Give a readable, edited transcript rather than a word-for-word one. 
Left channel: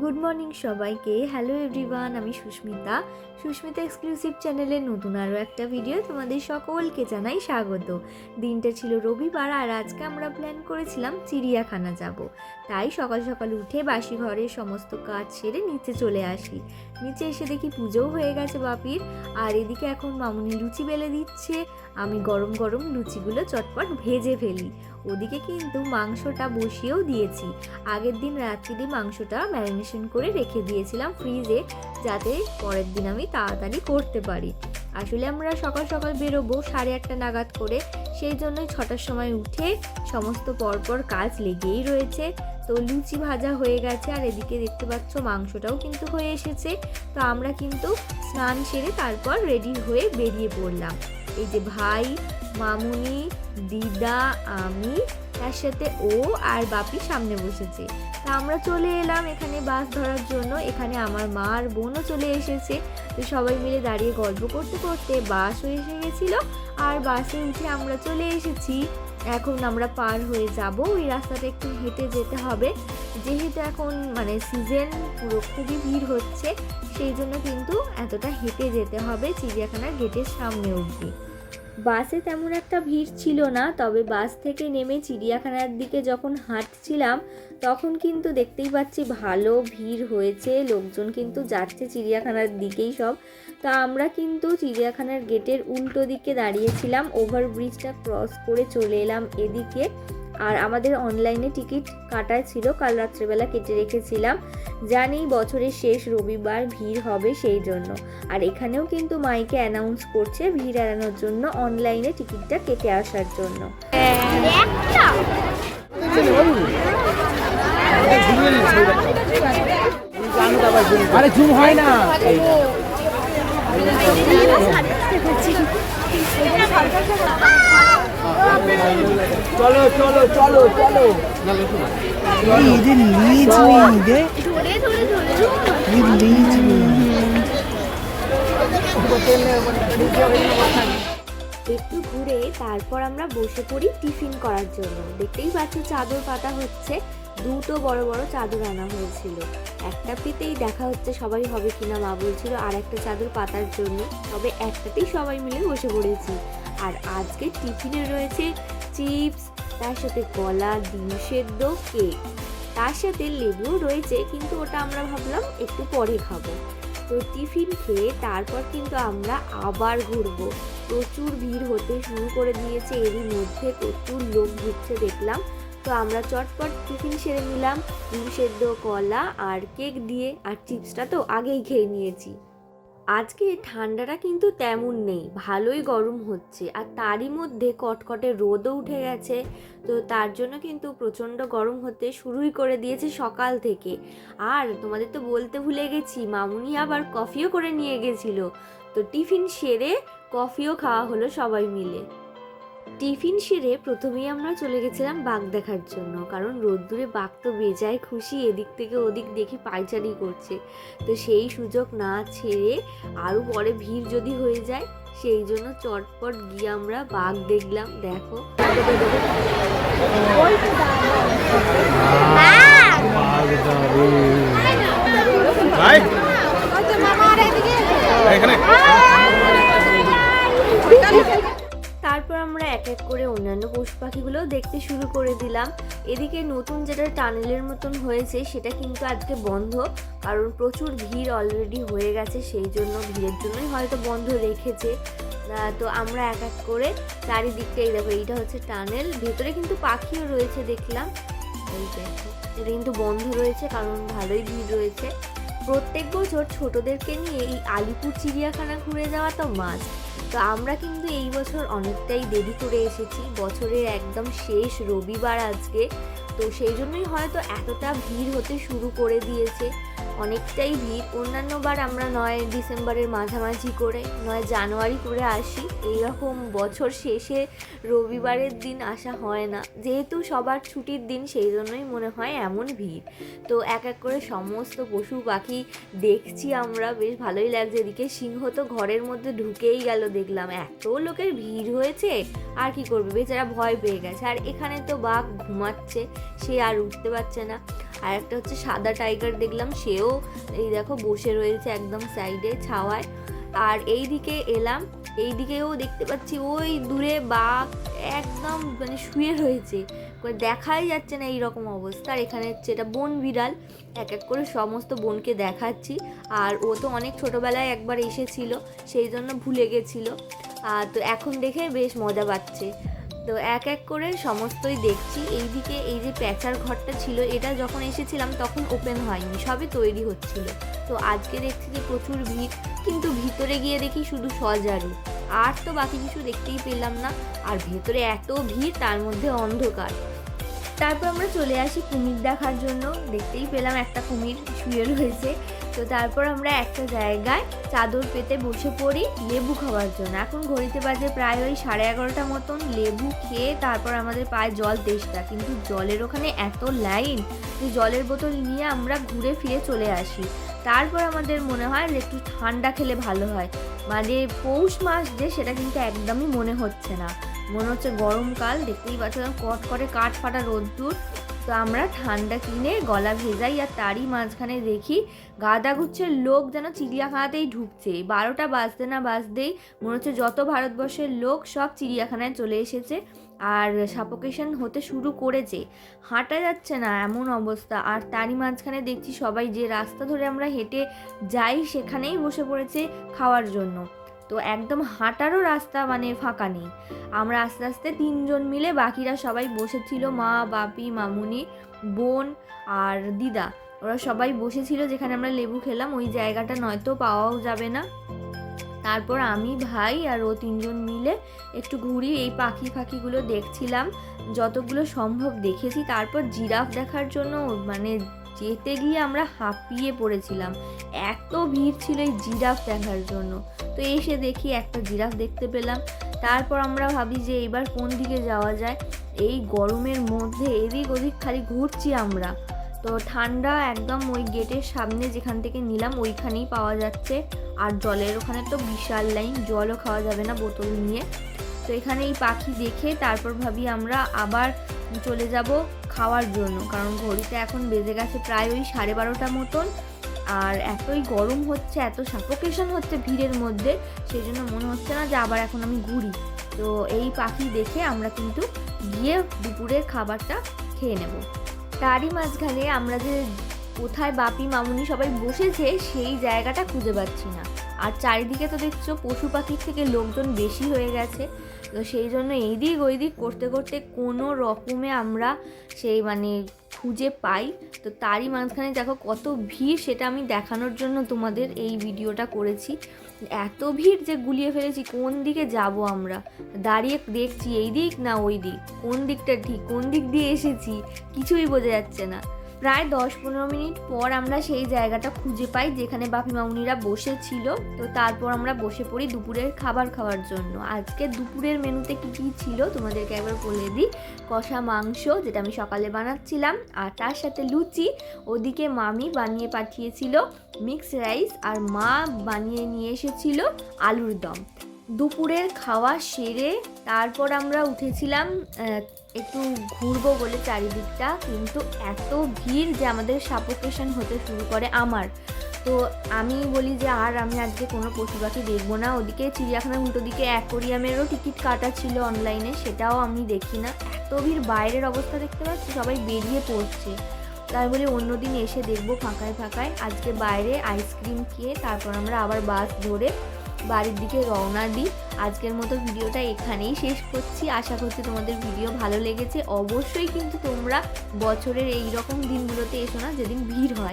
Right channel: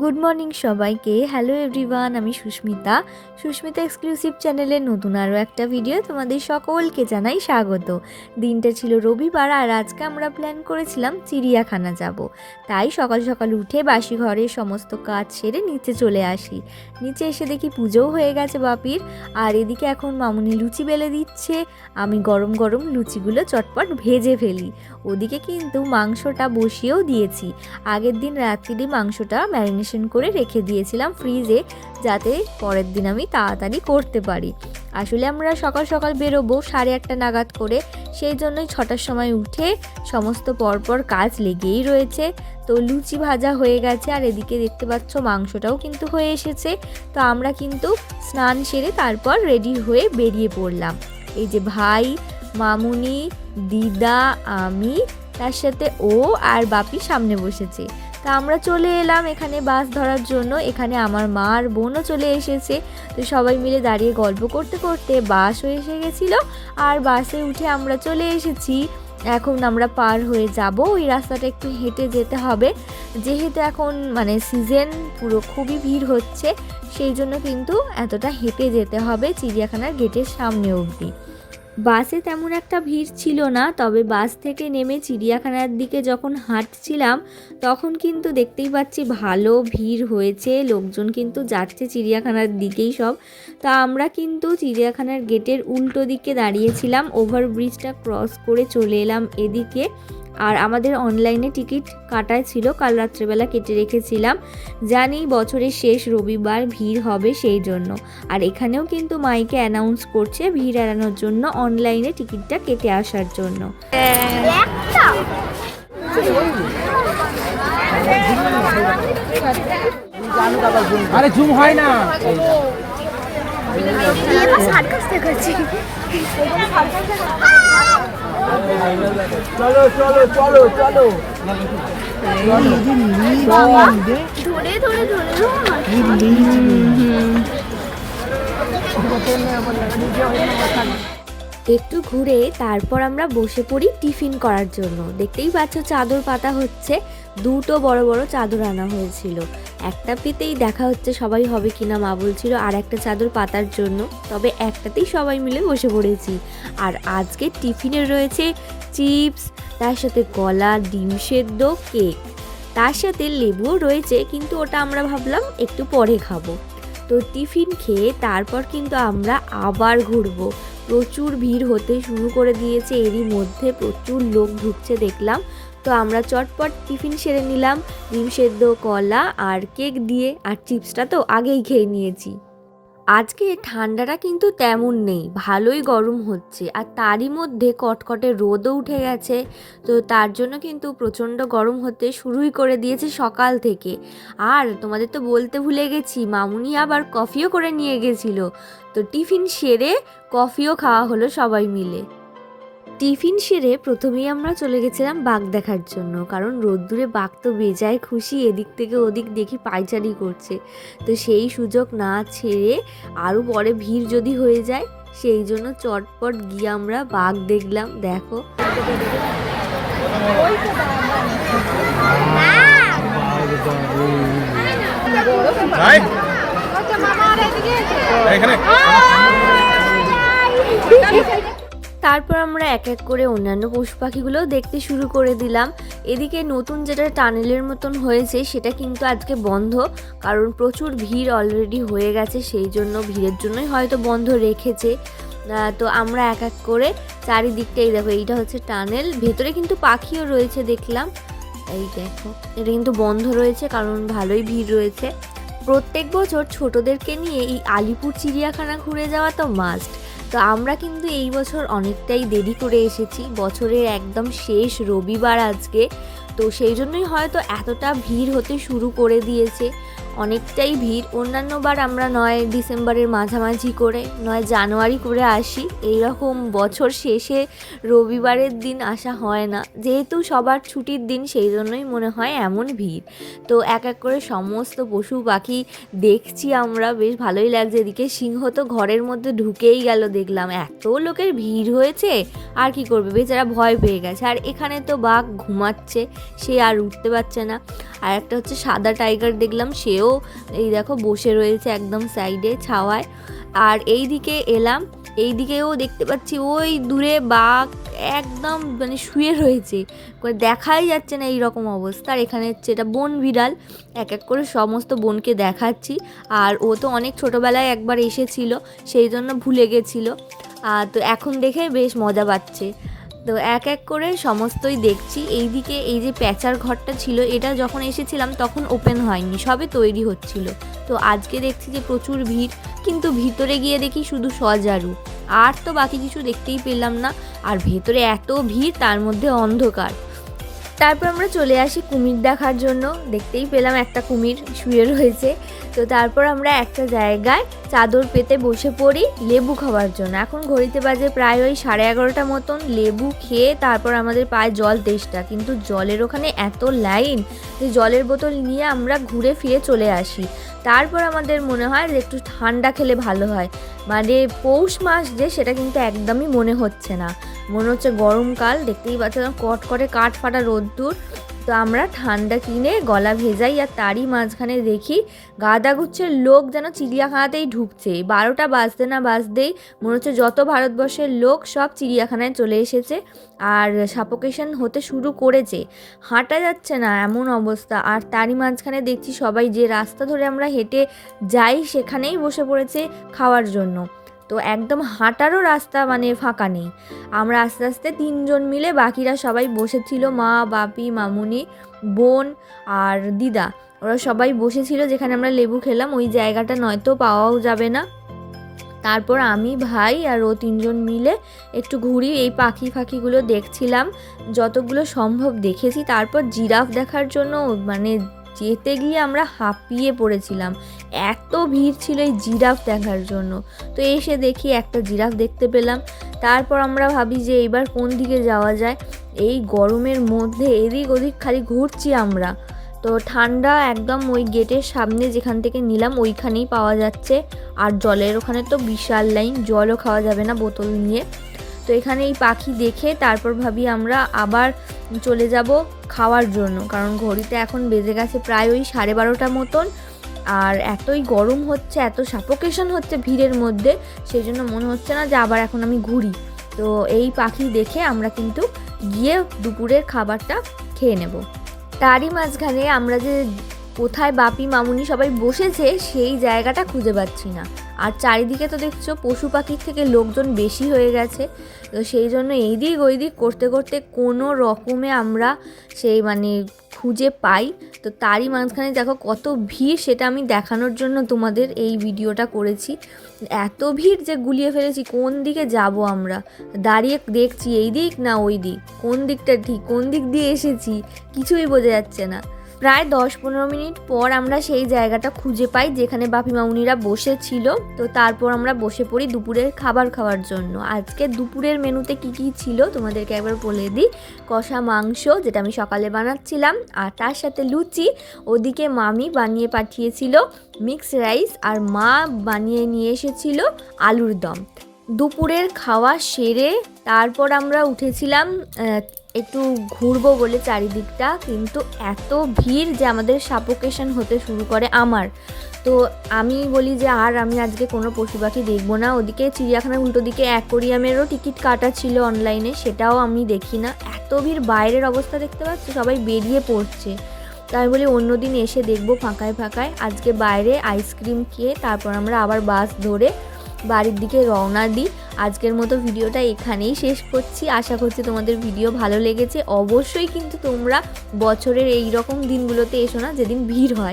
Good morning সবাইকে। Hello everyone, আমি Susmita exclusive চ্যানেলের নতুন আরও একটা ভিডিও তোমাদের সকলকে জানাই স্বাগত। দিনটা ছিল রবিবার আর আজকে আমরা প্ল্যান করেছিলাম চিড়িয়াখানা যাব। তাই সকাল সকাল উঠে বাসি ঘরের সমস্ত কাজ সেরে নিচে চলে আসি। নিচে এসে দেখি পুজোও হয়ে গেছে বাপির, আর এদিকে এখন মামুনি লুচি বেলে দিচ্ছে। আমি গরম গরম লুচিগুলো চটপট ভেজে ফেলি। ওদিকে কিন্তু মাংসটা বসিয়েও দিয়েছি। আগের দিন রাত্রিরে মাংসটা ম্যারিনেশন করে রেখে দিয়েছিলাম ফ্রিজে, যাতে পরের দিন আমি তাড়াতাড়ি করতে পারি। আসলে আমরা সকাল সকাল বেরোবো 8:30 নাগাদ করে, সেই জন্যই 6টার সময় উঠে সমস্ত পরপর কাজ লেগেই রয়েছে। তো লুচি ভাজা হয়ে গেছে আর এদিকে দেখতে পাচ্ছ মাংসটাও কিন্তু হয়ে এসেছে। তো আমরা কিন্তু স্নান সেরে তারপর রেডি হয়ে বেরিয়ে পড়লাম। এই যে ভাই, মামুনি, দিদা, আমি, তার সাথে ও আর বাপি সামনে বসেছে। তা আমরা চলে এলাম এখানে বাস ধরার জন্য। এখানে আমার মা আর বোনও চলে এসেছে। তো সবাই মিলে দাঁড়িয়ে গল্প করতে করতে বাসও এসে গেছিলো আর বাসে উঠে আমরা চলে এসেছি। এখন আমরা পার হয়ে যাব। ওই রাস্তাটা একটু হেঁটে যেতে হবে, যেহেতু এখন সিজন পুরো খুবই ভিড় হচ্ছে, সেই জন্য কিন্তু এতটা হেঁটে যেতে হবে চিড়িয়াখানার গেটের সামনে অবধি। বাসে তেমন একটা ভিড় ছিল না, তবে বাস থেকে নেমে চিড়িয়াখানার দিকে যখন হাঁটছিলাম তখন কিন্তু দেখতেই পাচ্ছি ভালো ভিড় হয়েছে, লোকজন কিন্তু যাচ্ছে চিড়িয়াখানার দিকেই সব। তা আমরা কিন্তু চিড়িয়াখানার গেটের উল্টো দিকে দাঁড়িয়েছিলাম, ওভারব্রিজটা ক্রস করে চলে এলাম এদিকে। আর আমাদের অনলাইনে টিকিট কাটাই ছিল, কাল রাত্রেবেলা কেটে রেখেছিলাম। জানি বছরের শেষ রবিবার ভিড় হবে সেই জন্য। আর এখানেও কিন্তু মাইকে অ্যানাউন্স করছে ভিড় এড়ানোর জন্য অনলাইনে টিকিটটা কেটে আসার জন্য। আরে জুম হয় না। চলো চলো চলো চলো একটু ঘুরে তারপর আমরা বসে পড়ি টিফিন করার জন্য। দেখতেই পাচ্ছ চাদর পাতা হচ্ছে, দুটো বড় বড় চাদর আনা হয়েছিল। একটা পেতেই দেখা হচ্ছে সবাই হবে কিনা, মা বলছিল আর একটা চাদর পাতার জন্য, তবে একটাতেই সবাই মিলে বসে পড়েছি। আর আজকে টিফিনে রয়েছে চিপস, তার সাথে কলা, ডিম সেদ্ধ, কেক, তার সাথে লেবুও রয়েছে, কিন্তু ওটা আমরা ভাবলাম একটু পরে খাবো। তো টিফিন খেয়ে তারপর কিন্তু আমরা আবার ঘুরবো। প্রচুর ভিড় হতে শুরু করে দিয়েছে, এরই মধ্যে প্রচুর লোক ঢুকছে দেখলাম। তো আমরা চটপট টিফিন সেরে নিলাম ডিম সেদ্ধ, কলা আর কেক দিয়ে। আর চিপসটা তো আগেই খেয়ে নিয়েছি। আজকে ঠান্ডাটা কিন্তু তেমন নেই, ভালোই গরম হচ্ছে, আর তারই মধ্যে কটকটে রোদও উঠে গেছে। তো তার জন্য কিন্তু প্রচণ্ড গরম হতে শুরুই করে দিয়েছে সকাল থেকে। আর তোমাদের তো বলতে ভুলে গেছি, মামুনি আবার কফিও করে নিয়ে গেছিল। তো টিফিন সেরে কফিও খাওয়া হলো সবাই মিলে। টিফিন সেরে প্রথমেই আমরা চলে গেছিলাম বাঘ দেখার জন্য, কারণ রোদ্দুরে বাঘ তো বেজায় খুশি, এদিক থেকে ওদিক দেখি পায়চারি করছে। তো সেই সুযোগ না ছেড়ে আরও পরে ভিড় যদি হয়ে যায়, সেই জন্য চটপট গিয়ে আমরা বাঘ দেখলাম। দেখো তারপর আমরা এক এক করে অন্যান্য পশু পাখিগুলোও দেখতে শুরু করে দিলাম। এদিকে নতুন যেটা টানেলের মতন হয়েছে সেটা কিন্তু আজকে বন্ধ, কারণ প্রচুর ভিড় অলরেডি হয়ে গেছে, সেই জন্য ভিড়ের জন্যই হয়তো বন্ধ রেখেছে। তো আমরা এক এক করে চারিদিকটাই দেখো, এইটা হচ্ছে টানেল, ভেতরে কিন্তু পাখিও রয়েছে দেখলাম। এই দেখো, এটা কিন্তু বন্ধ রয়েছে কারণ ভালোই ভিড় রয়েছে। প্রত্যেক বছর ছোটদেরকে নিয়ে এই আলিপুর চিড়িয়াখানা ঘুরে যাওয়া তো মাস্ট। তো আমরা কিন্তু এই বছর অনেকটাই দেরি করে এসেছি, বছরের একদম শেষ রবিবার আজকে, তো সেই জন্যই হয়তো এতটা ভিড় হতে শুরু করে দিয়েছে। অনেকটাই ভিড়। অন্যান্যবার আমরা নয় ডিসেম্বরের মাঝামাঝি করে নয় জানুয়ারি করে আসি, এইরকম বছর শেষে রবিবারের দিন আসা হয় না, যেহেতু সবার ছুটির দিন সেই জন্যই মনে হয় এমন ভিড়। তো এক এক করে সমস্ত পশু পাখি দেখছি আমরা, বেশ ভালোই লাগছে। এদিকে সিংহ তো ঘরের মধ্যে ঢুকেই গেল, দেখলাম এত লোকের ভিড় হয়েছে, আর কি করবে, বেচারা ভয় পেয়ে গেছে। আর এখানে তো বাঘ ঘুমাচ্ছে, সে আর উঠতে পারছে না। আর একটা হচ্ছে সাদা টাইগার দেখলাম, সেও এই দেখো বসে রয়েছে একদম সাইডে ছাওয়ায়। আর এই দিকে এলাম, এই দিকেও দেখতে পাচ্ছি ওই দূরে বাঘ একদম মানে শুয়ে রয়েছে, দেখাই যাচ্ছে না এইরকম অবস্থা। আর এখানে হচ্ছে এটা বন বিড়াল, এক এক করে সমস্ত বনকে দেখাচ্ছি। আর ও তো অনেক ছোটোবেলায় একবার এসেছিল, সেই জন্য ভুলে গেছিলো, তো এখন দেখে বেশ মজা পাচ্ছে। তো এক এক করে সমস্তই দেখছি। এইদিকে এই যে প্যাঁচার ঘরটা ছিল, এটা যখন এসেছিলাম তখন ওপেন হয়নি, সবে তৈরি হচ্ছিল। তো আজকে দেখছি যে প্রচুর ভিড়, কিন্তু ভিতরে গিয়ে দেখি শুধু সজারু, আর তো বাকি কিছু দেখতেই পেলাম না। আর ভেতরে এত ভিড়, তার মধ্যে অন্ধকার। তারপর আমরা চলে আসি কুমির দেখার জন্য, দেখতেই পেলাম একটা কুমির শুয়ে রয়েছে। তো তারপর আমরা একটা জায়গায় চাদর পেতে বসে পড়ি লেবু খাওয়ার জন্য। এখন ঘড়িতে বাজে প্রায় ওই 11:30 মতন। লেবু খেয়ে তারপর আমাদের পায়ে জল তেষ্টা, কিন্তু জলের ওখানে এত লাইন যে জলের বোতল নিয়ে আমরা ঘুরে ফিরে চলে আসি। তারপর আমাদের মনে হয় যে একটু ঠান্ডা খেলে ভালো হয়, মানে পৌষ মাস যে সেটা কিন্তু একদমই মনে হচ্ছে না, মনে হচ্ছে গরমকাল। দেখতেই পাচ্ছ কট করে কাঠ ফাটা রোদ্দুর। তো আমরা ঠান্ডা কিনে গলা ভেজাই, আর তারই মাঝখানে দেখি গাদা গুচ্ছের লোক যেন চিড়িয়াখানাতেই ঢুকছে। 12টা বাজতে না বাজতেই মনে হচ্ছে যত ভারতবর্ষের লোক সব চিড়িয়াখানায় চলে এসেছে, আর সাফোকেশন হতে শুরু করেছে, হাঁটা যাচ্ছে না এমন অবস্থা। আর তারই মাঝখানে দেখছি সবাই যে রাস্তা ধরে আমরা হেঁটে যাই সেখানেই বসে পড়েছে খাওয়ার জন্য। তো একদম হাঁটারও রাস্তা মানে ফাঁকা নেই। আমরা আস্তে আস্তে 3 জন মিলে, বাকিরা সবাই বসেছিল, মা, বাপি, মামুনি, বোন আর দিদা, ওরা সবাই বসেছিল যেখানে আমরা লেবু খেলাম। ওই জায়গাটা নয়তো পাওয়াও যাবে না। তারপর আমি, ভাই আর ও 3 জন মিলে একটু ঘুরি, এই পাখি ফাঁকিগুলো দেখছিলাম, যতগুলো সম্ভব দেখেছি। তারপর জিরাফ দেখার জন্য মানে যেতে গিয়ে আমরা হাঁপিয়ে পড়েছিলাম, এত ভিড় ছিল এই জিরাফ দেখার জন্য। তো এসে দেখি একটা জিরাফ দেখতে পেলাম। তারপর আমরা ভাবি যে এইবার কোন দিকে যাওয়া যায়, এই গরমের মধ্যে এদিক ওদিক খালি ঘুরছি আমরা। তো ঠান্ডা একদম ওই গেটের সামনে যেখান থেকে নিলাম ওইখানেই পাওয়া যাচ্ছে। আর জলের ওখানে তো বিশাল লাইন, জলও খাওয়া যাবে না বোতল নিয়ে। তো এখানে এই পাখি দেখে তারপর ভাবি আমরা আবার চলে যাব খাওয়ার জন্য, কারণ ঘড়িতে এখন বেজে গেছে প্রায় ওই 12:30 মতন। আর এতই গরম হচ্ছে, এত সাফোকেশন হচ্ছে ভিড়ের মধ্যে, সেই জন্য মনে হচ্ছে না যে আবার এখন আমি ঘুরি। তো এই পাখি দেখে আমরা কিন্তু গিয়ে দুপুরের খাবারটা খেয়ে নেব। তারই মাঝখানে আমরা যে কোথায় বাপি মামুনি সবাই বসেছে সেই জায়গাটা খুঁজে পাচ্ছি না। আর চারিদিকে তো দেখছো পশু পাখির থেকে লোকজন বেশি হয়ে গেছে, তো সেই জন্য এই দিক ওই দিক করতে করতে কোনো রকমে আমরা সেই মানে খুঁজে পাই। তো তারই মাঝখানে দেখো কত ভিড়, সেটা আমি দেখানোর জন্য তোমাদের এই ভিডিওটা করেছি। এত ভিড় যে গুলিয়ে ফেলেছি, কোন দিকে যাব আমরা, দাঁড়িয়ে দেখছি এই দিক না ওই দিক, কোন দিকটা ঠিক, কোন দিক দিয়ে এসেছি কিছুই বোঝা যাচ্ছে না। প্রায় 10-15 মিনিট পর আমরা সেই জায়গাটা খুঁজে পাই যেখানে বাপি মামুনিরা বসেছিল। তো তারপর আমরা বসে পড়ি দুপুরের খাবার খাওয়ার জন্য। আজকে দুপুরের মেনুতে কি কি ছিল তোমাদেরকে একবার বলে দিই। কষা মাংস, যেটা আমি সকালে বানাচ্ছিলাম, আর তার সাথে লুচি। ওদিকে মামি বানিয়ে পাঠিয়েছিল মিক্স রাইস, আর মা বানিয়ে নিয়ে এসেছিল আলুর দম। দুপুরের খাওয়া সেরে তারপর আমরা উঠেছিলাম একটু ঘুরবো বলে চারিদিকটা, কিন্তু এত ভিড় যে আমাদের সাফোকেশন হতে শুরু করে আমার। তো আমি বলি যে আর আমি আজকে কোনো পশু পাখি দেখবো না। ওদিকে চিড়িয়াখানার উল্টো দিকে অ্যাকোরিয়ামেরও টিকিট কাটা ছিল অনলাইনে, সেটাও আমি দেখি না। এত ভিড়, বাইরের অবস্থা দেখতে পাচ্ছি, সবাই বেরিয়ে পড়ছে। তাই বলি অন্যদিন এসে দেখবো ফাঁকায় ফাঁকায়। আজকে বাইরে আইসক্রিম খেয়ে তারপর আমরা আবার বাস ধরে বাড়ির দিকে রওনা দিই। আজকের মতো ভিডিওটা এখানেই শেষ করছি। আশা করছি তোমাদের ভিডিও ভালো লেগেছে। অবশ্যই কিন্তু তোমরা বছরের এই রকম দিনগুলোতে এসো না যেদিন ভিড় হয়।